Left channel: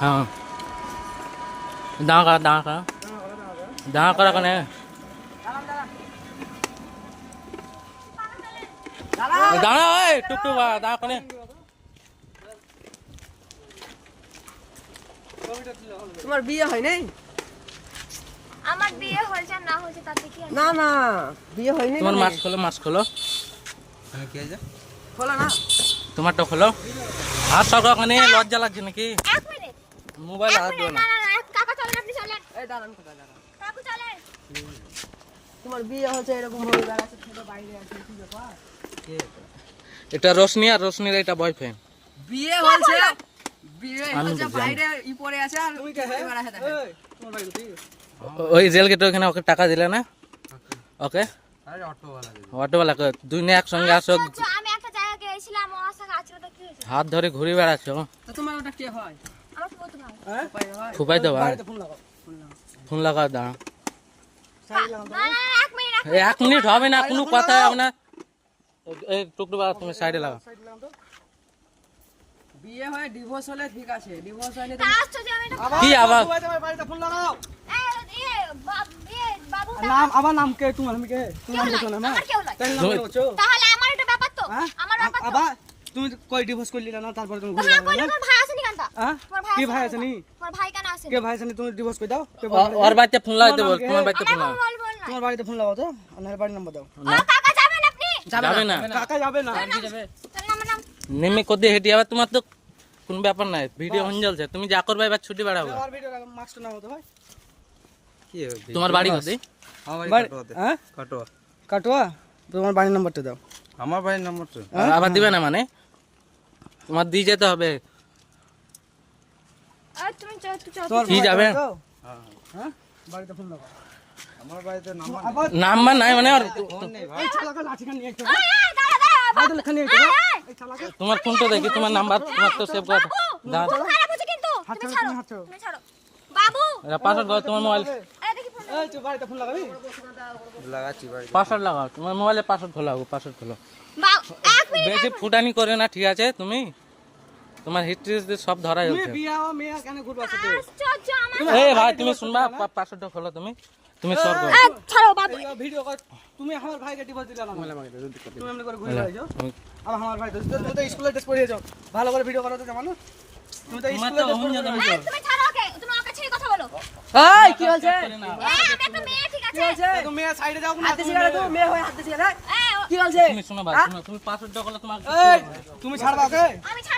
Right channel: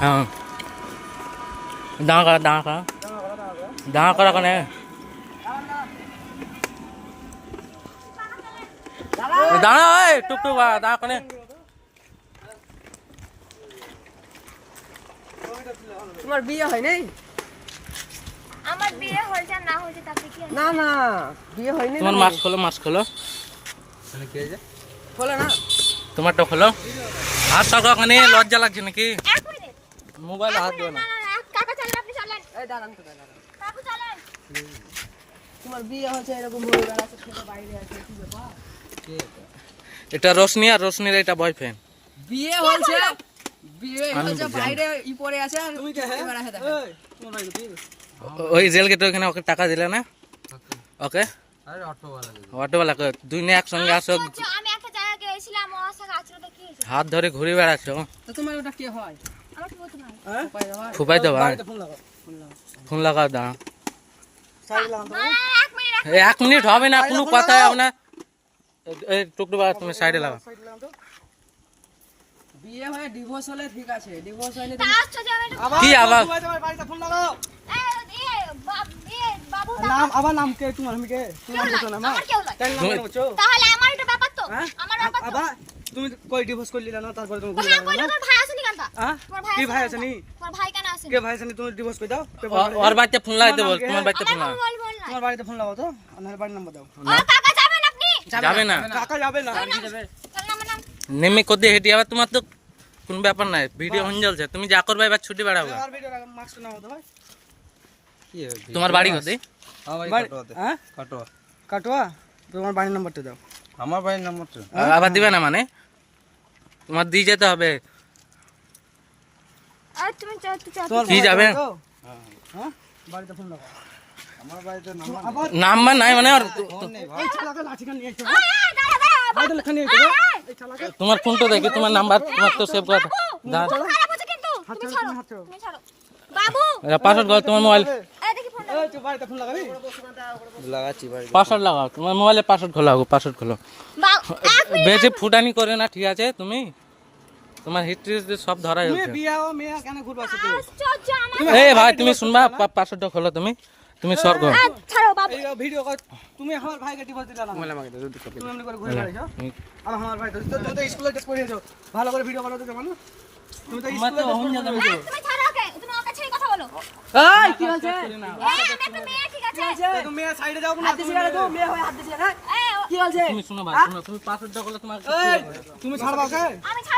हाँ दाँगा दाँगा दाँगा करा कने दाँगा ओए टुक टुक दाँगा कने তোমার বিয়ে হয় নাই? আমার বিয়ে হয়েছে না হয়েছে তাতে কি আছে? না না বিয়ে হয়নি। তোমার মাছ খোলো তুমি কে যে খোলো না। তোমারটা খোলো হাত সরকার কানে লজ্জা লাগছে নাকি এক মিনিট মোবাইল হাত দিও না না না কাকা চলেন আপনি চলেন এই দাঁড়ান তো দাঁড়ান। কাকু চলেন তোমার বিয়ে হচ্ছে এরকম হয়ে বেড়াচ্ছে শুধু বাইরে আছে কি ব্যাপার? কে এটা? এটা রোশনি আর রোশনির এটা বয়ফ্রেন্ড বিয়ে হয়েছে বিয়ে আমি হয়েছে বুঝলাম। বাইরে ই পড়ে আছে আর তুমি কে হে বেড়াচ্ছে দেখো। এই তোমার বাড়ি কোথায়? ওই জেল গেট ওখানে ওকে টাকা দিলে না ওকে আরে অটোওয়ালা দিদি অটোওয়ালা দুই না একসঙ্গে আসো আচ্ছা, আমি একটা জায়গায় গিয়েছিলাম ওর সাথে আচরণটা কি হয়েছে হাত ধরে ঘুরে বেড়াচ্ছ তো তোমার ওটা কে হয়? আমার ফুফাতো ভাই উপায় হয়? ফুপাই তো ভাই ফোন লাগাও ফোন লাগাও দাঁড়া না না এক মিনিট এক মিনিট হবে না কোনো কথাই হবে না এই টুকটুক তুমি সাইডে লাগা বিয়ে হয় ডিভোর্স হলে ঠিক আছে, ডিভোর্স হয়নি তো আসছো যে আমি একটা কি আবার তোমার বাড়িতে ফোন লাগাও বাবু নাম আবার নাম কে তোমার আমি কে তুমি বলছো না মা আমার কেউ লাগে তাই নাম বলছো তাহলে আমার এটা ব্যাপার তো হ্যাঁ আমার ব্যাপার তো আবার তুমি কই ডিভোর্স করলি না তারপরে তুমি হ্যাঁ কইলো তোর ভাই আসেনি কেন তা হ্যাঁ তোমার ভাই কি ভাই আছে নি তোমার ভাই কেন আসেনি কে ভাই আছে নি তুমি ডিভোর্স করে দাও ওর বাড়িতে ফোন লাগাইতে বল তোমার বাড়িতে ফোন লাগা বল বল না তোমার বাড়িতে ফোন লাগাও তো আমার বাড়ির নাম্বার দাও ও কাকা যাবেন আপনি যাবে না কাকা যাবে না চল নাম নাম নেমে কোদে হেঁটে যাবে তোমার তো কোনো ব্যাপার নাই ভিডিও হন চলছে তুমি যা করবে এবার ছুটি বেড়াবে আর ভিডিও মাস্ক নাও তো ভাই কি তোমার বাড়ি কোথায় আমার বাড়ি কাটোয়াতে হ্যাঁ কাটোয়া কাটোয়া তোমার বাড়ির নাম্বারটা দাও আমার বাড়ির নাম্বারটা আবার দিবে না মানে তোমার দিয়ে যেতে হবে আর তুমি চল তুই চল কি যাবে হ্যাঁ বাড়িতে ফোন লাগাও আমার বাড়িতে নাম্বার নাম্বার নাই মানে আর এই চালাকে লাঠিটা নিয়ে এসো এই দাঁড়া দাঁড়া বাড়িতে লেখা নিয়ে এসো এই চালাকে তোমার ফোনটা দেখি তোমার নাম্বার তোমার তো সেভ করা দাঁড়া আরে বুঝো কিন্তু তুমি ছাড়ো তুমি ছাড়ো বাবু পাসওয়ার্ড করো তোমার মোবাইল এই দেখি ফোন এই তুই বাড়িতে ফোন লাগাবি লাগাচ্ছি বাড়িতে পাসওয়ার্ড লাগাও তোমার মোবাইলে পাসওয়ার্ড খোলা হোক পাসওয়ার্ড খোলো এক মিনিট বেশি ফুটানি করে না ঠিক আছে তুমি তোমার হিস্ট্রি সব ধরা যাচ্ছে বিয়া ও মেয়ে কেন ঘুরবা আছে আশ্চর্য আমার এই ভাই তুমি শুনবা পাসওয়ার্ডটা খোলো তুমি তুমি স্বর্গ ছাড়ো বাবু এই ভিডিও কর তুমি আমার ভাইকে ডিভোর্স দিলা না মোবাইল আমাকে দাও তুমি এমনি করে ঘুরে বেড়াইছো আর আমার ভাই তো তুমি তো স্কুলে টেস্ট করে যাও ভালো করে ভিডিও বানাতে জানো তুমি তো স্কুলে তুমি ছাড়ো ওকে তুমি ওকে ছেড়ে কথা বলো এই কি হয়েছে? এই আমি একটা মেয়ে ঠিক আছে তুমি মেয়ে সাইডে যাও না হাত দিছি গেলে তো মেয়ে হয় হাত দিছি গেলে এই কি হয়েছে? তুমি শোনো ভাই শোনো তুমি পাসওয়ার্ডটা খোলো তোমার তুমি ছাড়বা ওকে আমি ছাড়বো